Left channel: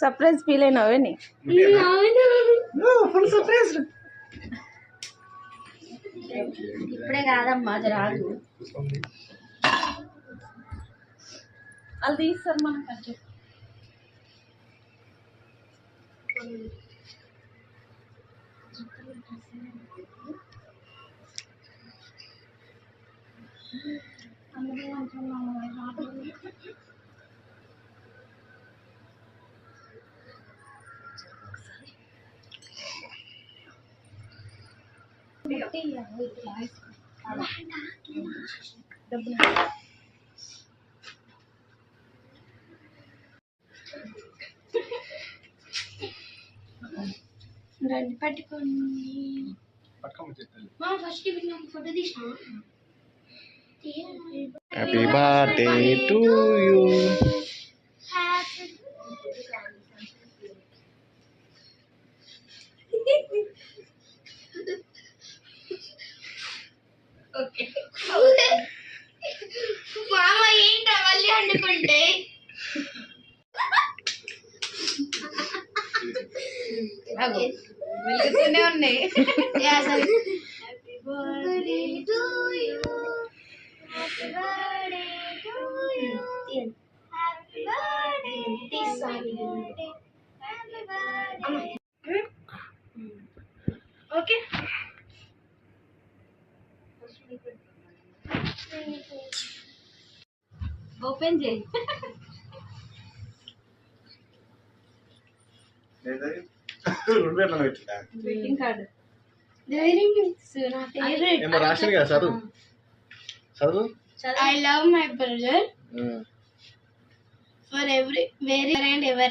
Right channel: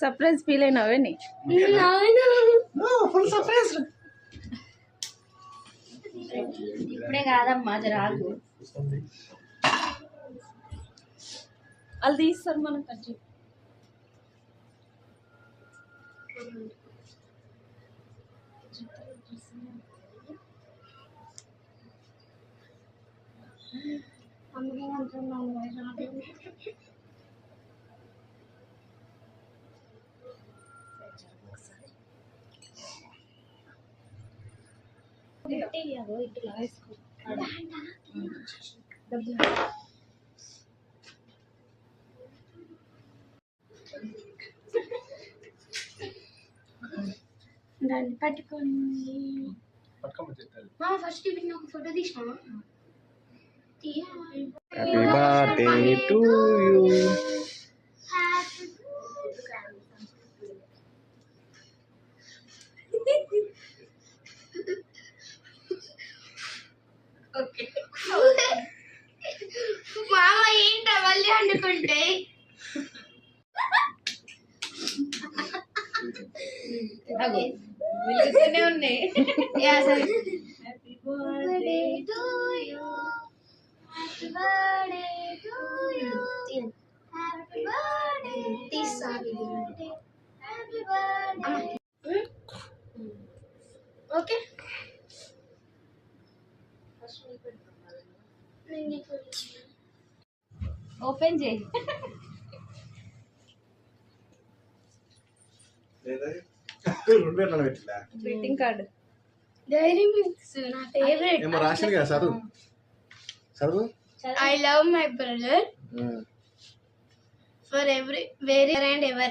Surprise feel అయినావేని? Full surprise. ఇప్పుడే కాదమ్మా రాదు. వాళ్ళు తీస్తారు మనం ఖర్చు. రండి పట్టుకోండి. ఫస్ట్ వీటిని ఒక ఫోటో తీసినా. Happy birthday to you. మామ ఏంట మళ్ళీ అనుకుంటే వెలుగుతూనే ఉన్నాయి. Happy birthday to you, happy birthday to you, happy birthday తీసారి హ్యాపీ బర్త్డే. ఓకే ఓపెన్ చేయి. Greeting card. డైరీ మిల్క్స్ నా ఫేవరెట్. ఏమో రాసింది కదా, చదువు చదువు. I love my brother for every, wherever and ever.